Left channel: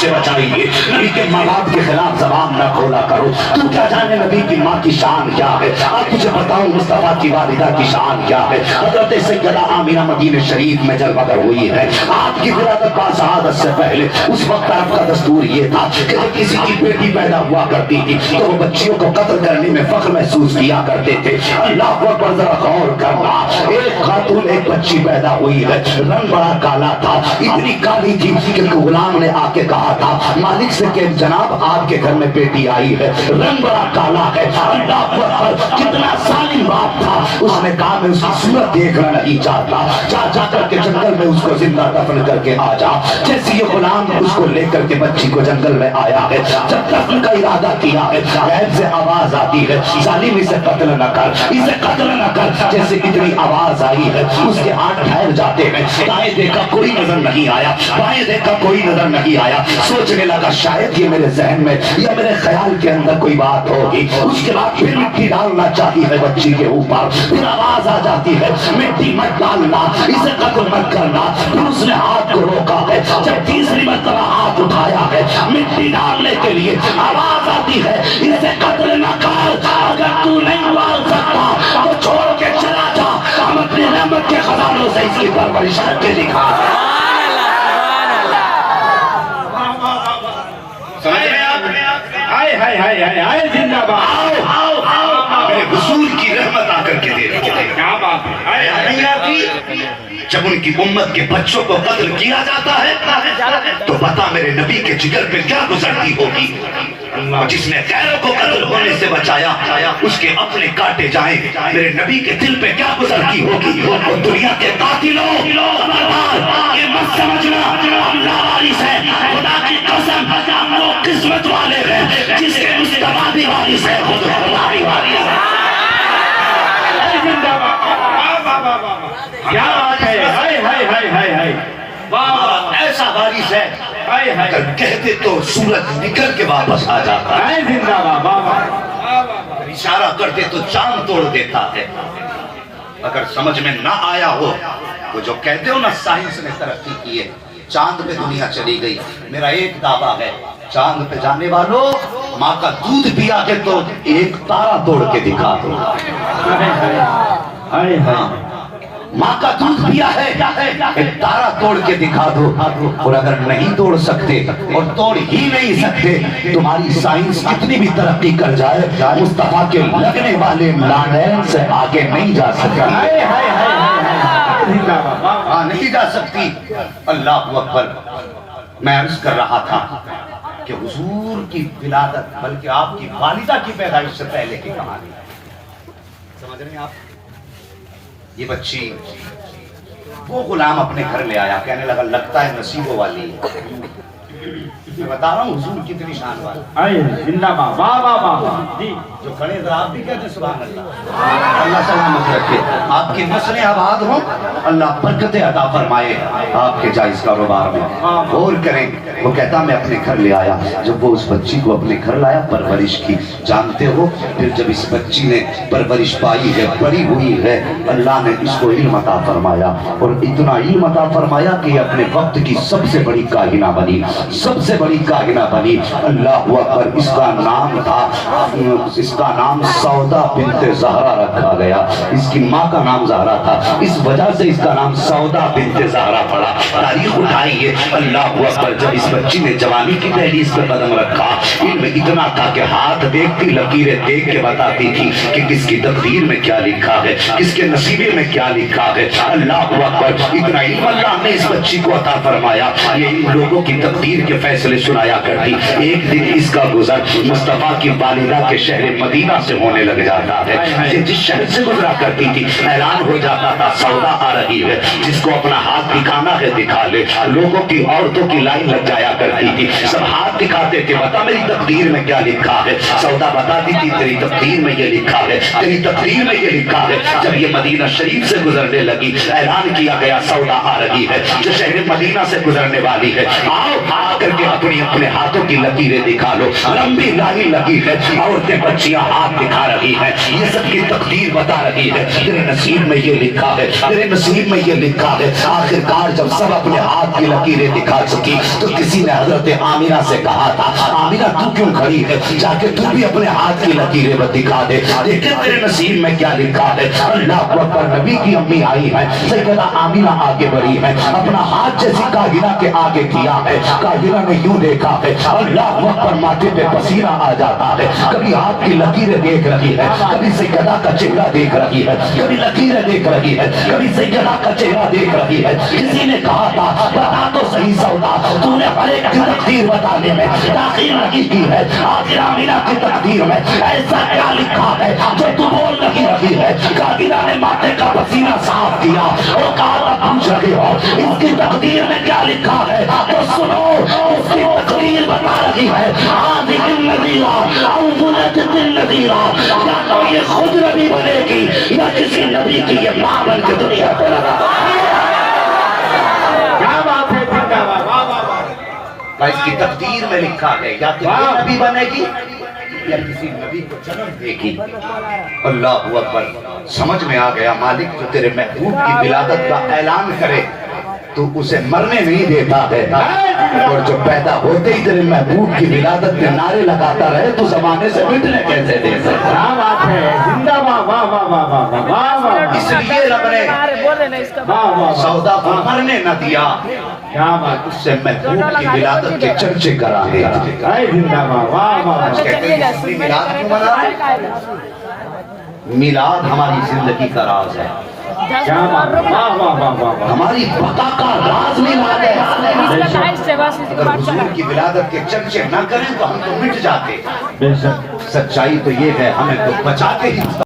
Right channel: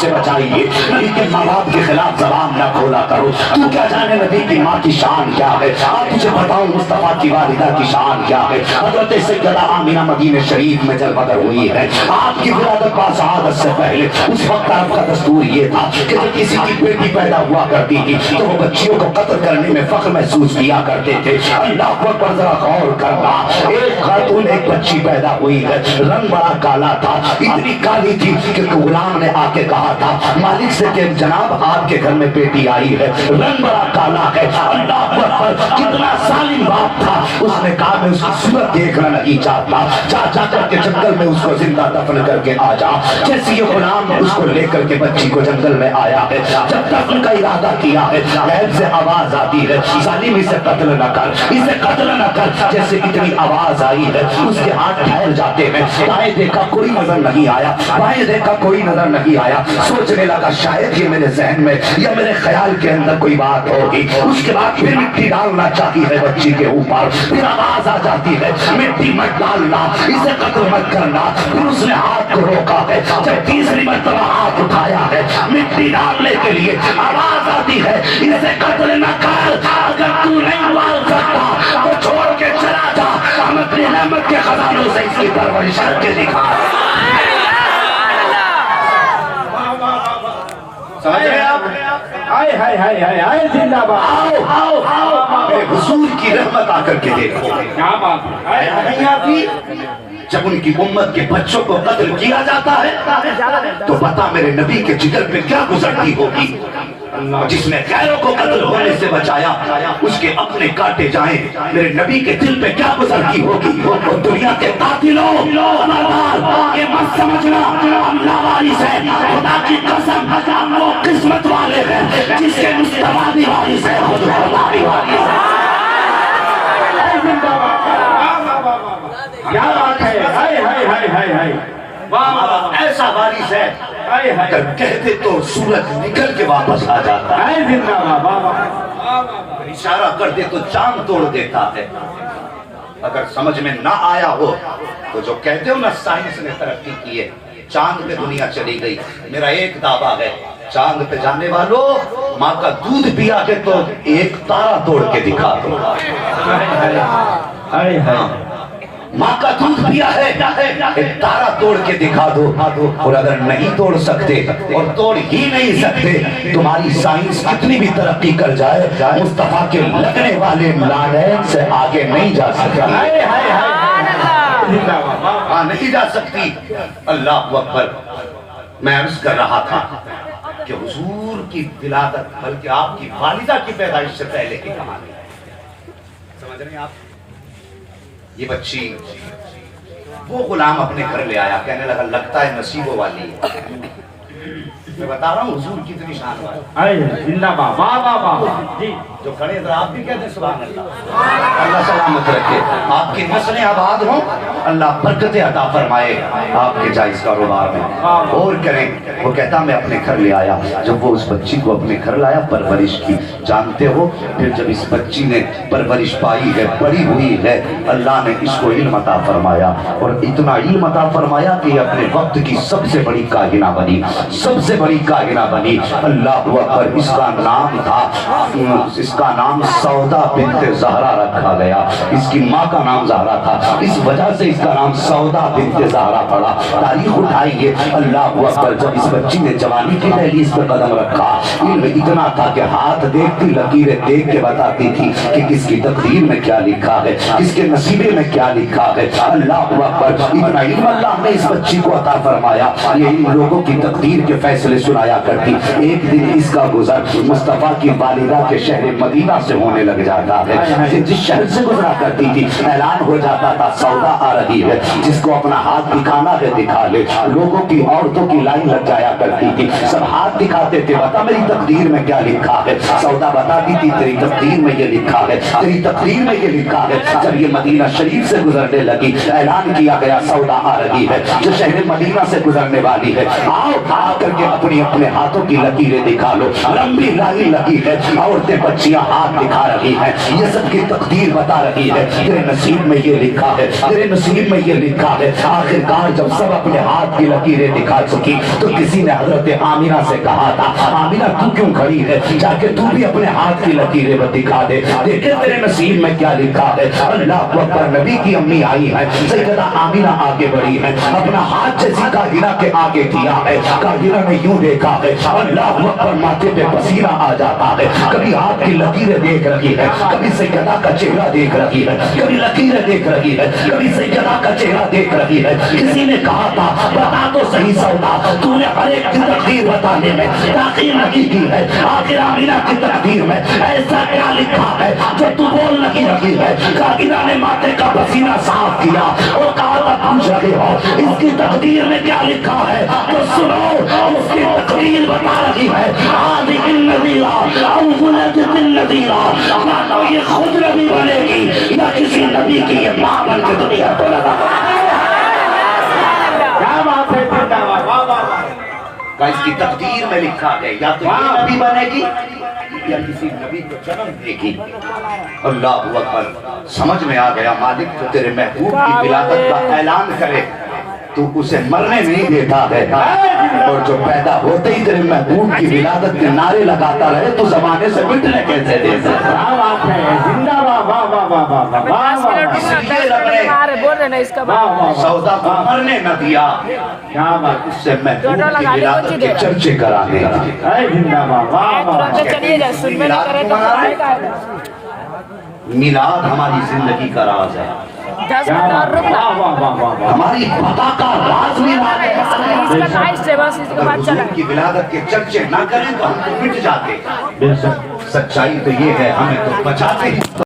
سے بچائیے، نبی کے ماں باپ کے خلاف زبان نہ کھولا کرو۔ تو کیا جانے نبی کی ماں کی شان کیا ہے، اب تجھے بتاؤں مصطفیٰ کی والدہ کی شان کیا ہے۔ حضرت سیدہ آمینہ مدینہ شریف میں جب بدر ہوئی ہے، آپ کی ولادت با شہادت سے پہلے اس وقت آپ کا دستور یہ تھا کہ جب کسی کی بیٹی پیدا ہوا کرتی تھی تو وہ بچیوں کو قتل کرنے میں فخر محسوس کیا کرتے تھے۔ اللہ اکبر، ذرا غور کرنا، ایک خاتون ایک بچی پیدا ہوئی ہے، رنگ بڑا کالا تھا، اتنی کالی تھی کہ غلام نے آ کے کہا تھا مالک سے کہ جناب آپ کے گھر میں بیٹی آئی ہے، رنگ بڑا کالا ہے۔ اللہ اکبر، کتنا ظالم باپ تھا، اس نے کہا میں اس کی صورت دیکھنا نہیں چاہتا، جا کر کے جنگل میں اس کو زندہ دفن کر کے آ جا۔ جیسے یہ غلام اس کو لے کر کے بچی کو جنگل میں آیا ہے، جب دفن کا ارادہ کیا ہے غیب سے آواز آتی ہے ظالم اسے قتل نہ کر، اسے قتل نہ کر۔ جیسے اتنی آواز آئی ہے اس کے ہاتھ ٹھہر جاتے ہیں، دائیں دیکھا کوئی نظر نہیں آیا، بائیں دیکھا کوئی نظر نہیں آیا، سوچنے لگا شاید یہ میرے ذہن میں یا میرے خیال کے اندر کوئی بات ہوگی۔ اس کے بعد پھر مٹی ڈالنا چاہتی ہے بچی کے اوپر، پھر آواز آ جاتی ہے مٹی مت ڈالنا، اسے قتل مت کرنا۔ پھر اس نے ہاتھ کو روکا ہے، جب تیسری مرتبہ ہاتھ اٹھایا ہے مٹی ڈالنے کے لیے، آواز آتی ہے اسے قتل نہ کر، اگر تو نہیں مار سکتا تو چھوڑ کے چلا جا، ہم اپنی رحمت کے خزانوں سے اس کی پرورش کر کے دکھا۔ ہائے ہائے ہائے ہائے ہائے زندہ باد، میرے حضور کی رحمت آ کر کے دے رہی ہے۔ کیا بات ہے، نہیں آتی جب ان کی امت کے بچوں کو قتل کیا جاتا ہے تو بتا میرے نبی کے جگر پہ کیا گزرتی ہوگی۔ اور جس نے غیروں کو قتل ہونے سے بچایا اس کے اپنے کاٹے جائیں، میرے نبی کے دل پہ کیا گزرتی ہوگی۔ اور دنیا کے قاتلوں خبردار، یہ مت سمجھنا ہم لاوارث ہیں، خدا کی قسم ہم وہ قسمت والے ہیں جس کے مصطفیٰ بھی وارث ہے، خود اللہ بھی وارث ہے۔ زندہ باد، کیا بات ہے، ہائے ہائے ہائے ہائے ہائے، ایسا وارث ہے ہائے ہائے، اگر کہتے تو سورج نکل کے واپس آ جاتا ہے، ہائے زندہ باد، اشارہ کرتے تو چاند توڑ دیتا ہے۔ اگر سمجھ میں نہ آیا ہو تو جو کہتے ہو نا سائنس نے ترقی کی ہے، چاند پہ دنیا چلی گئی، میرا ایک دعویٰ ہے چاند پہ جانے والوں ماں کا دودھ پیا کے تو ایک تارا توڑ کے دکھا دو۔ ہائے ہائے، ماں کا دودھ پیا ہے ایک تارا توڑ کے دکھا دو۔ اور اگر نہیں توڑ سکتے اور توڑ ہی نہیں سکتے، تمہاری سائنس کتنی بھی ترقی کر جائے مصطفیٰ کے لگنے والے لعنت سے آگے نہیں جا سکتی، ہاں نہیں جا سکتی۔ اللہ اکبر، میں عرض کر رہا تھا کہ حضور کی ولادت بلکہ آپ کی والدہ کی پیدائش سے پہلے کی کہانی ہے، سمجھ رہے ہیں آپ؟ یہ بچی وہ غلام اپنے گھر لے آیا، کہنے لگا لگتا ہے نصیبوں والی ہے۔ میں بتا رہا ہوں حضور کتنی شان والی، ہائے زندہ باد، واہ واہ واہ، جی جو کھڑے ہیں آپ بھی کہتے ہیں سبحان اللہ۔ اللہ سلامت رکھے، آپ کی نسلیں آباد ہوں، اللہ برکتیں عطا فرمائے آپ کے جائز کاروبار میں، اور کریں۔ وہ کہتا میں اپنے گھر لے آیا، جب وہ اس بچی کو اپنے گھر لایا پرورش کی، جانتے ہو پھر جب اس بچی نے پرورش پائی ہے، بڑی ہوئی ہے، اللہ نے اس کو علم عطا فرمایا، اور اتنا علم عطا فرمایا کہ یہ اپنے وقت کی سب سے بڑی کاہنہ بنی، سب سے بڑی کاہنہ بنی۔ اللہ اکبر، اس کا نام تھا، اس کا نام سودا بنت زہرا رکھا گیا، اس کی ماں کا نام زہرا تھا، اس وجہ سے اس کا نام سودا بنت زہرا پڑا۔ تاریخ اٹھائیے، اللہ اکبر، جب اس بچی نے جوانی کی دہلیز پر قدم رکھا، علم اتنا تھا کہ ہاتھ دیکھتی لکیریں دیکھ کے بتاتی تھی کہ کس کی تقدیر میں کیا لکھا ہے، کس کے نصیبے میں کیا لکھا ہے۔ اللہ اکبر، اتنا علم اللہ نے اس بچی کو عطا فرمایا، یہ ان لوگوں کی تقدیر کے فیصلے سنایا کرتی۔ ایک دن اس کا گزر مصطفیٰ کی والدہ کے شہر مدینہ سے ہونے لگ جاتا ہے، یہ جس شہر سے گزرا کرتی تھی اعلان ہو جاتا تھا سودا آ رہی ہے، جس کو اپنا ہاتھ دکھانا ہے دکھا لے۔ لوگوں کی عورتوں کی لائن لگ جایا کرتی تھی، سب ہاتھ دکھاتے تھے، بتا میری تقدیر میں کیا لکھا ہے۔ سودا بتاتی تھی تیری تقدیر میں یہ لکھا ہے، تیری تقدیر میں یہ لکھا ہے۔ جب یہ مدینہ شریف سے گزرنے لگی اعلان کیا گیا سودا آ رہی ہے، جو شہر مدینہ سے گزرنے والی ہے، آؤ آ کر کے اپنی اپنے ہاتھوں کی لکیریں دکھا لو. لمبی لائی لگی ہے, عورتیں بچیاں ہاتھ دکھا رہی ہیں, یہ سب کی تقدیر بتا رہی ہے. تیرے نصیب میں یہ لکھا ہے, تیرے نصیب میں یہ لکھا ہے. آخر کار جب سب اپنے ہاتھ کی لکیریں دکھا چکی تو کسی نے حضرت آمینہ سے کہا تھا, آمینہ تو کیوں کھڑی ہے, جا کے تو بھی اپنے ہاتھ کی لکیریں دکھا دے, دیکھیں تیرے نصیب میں کیا لکھا ہے. اللہ اکبر. نبی کی امی آئی ہے, سیدہ آمینہ آگے بڑھی ہے, اپنا ہاتھ جیسی کاہنہ کے آگے کیا ہے. کاہنہ نے یوں دیکھا ہے, اللہ اکبر, ماتھے پہ پسینہ آ جاتا ہے. کبھی ہاتھ کی لکیریں دیکھ رہی ہے, کبھی سیدہ کا چہرہ دیکھ رہی ہے, کبھی لکیریں دیکھ رہی ہے, کبھی سیدہ کا چہرہ دیکھ رہی ہے. کسی نے کہا تھا بتا تو صحیح سودا, تو نے ہر ایک کی تقدیر بتانے میں تاخیر نہیں کی ہے. آخر آمینہ کی تقدیر میں ایسا کیا لکھا ہے جو تو بول نہیں رہی ہے. کاہنہ نے ماتھے کا پسینہ صاف کیا, وہ کہا تھا پوچھ رہے ہو اس کی تقدیر میں کیا لکھا ہے, تو سنو اس کی تقدیر بتا رہی ہے. عاذق النذیرہ انزلت النذیرہ, یا تو یہ خود نبی بنے گی یا کسی نبی کی یہ ماں بن کے دنیا کو لگا. کیا بات ہے, زندہ باد, واہ واہ واہ. اس کی تقدیر میں لکھا ہے یا تو یہ نبی بنے گی یا کسی نبی کو جنم دے گی. اللہ اکبر. سمجھ میں آ گیا مالک جو تیرے محبوب کی ولادت کا اعلان کرے تو اسے مرنے نہیں دیتا ہے, اور جو پیدا ہوتے ہی تیرے محبوب کی ولادت کے نعرے لگاتا رہے تو زمانے سے مٹنے کیسے دے سکتا. کیا بات ہے, زندہ باد, واہ واہ واہ واہ واہ واہ. اس لیے رب نے سودا کو مرنے نہ دیا, کیا بات, اس سے محبوب کی ولادت کے چرچے کرا دیا. اے زندہ باد, واہ واہ واہ. میلاد ہماری زندگی کا راز ہے, کیا بات, واہ واہ واہ واہ. ہماری بقا کا راز میلاد ہے. اگر حضور کی ولادت کے چرچے نہ کریں تو ہم تو مٹ جاتے. بے شک. سچائی تو یہ ہے ہمیں تو بچاتے ہی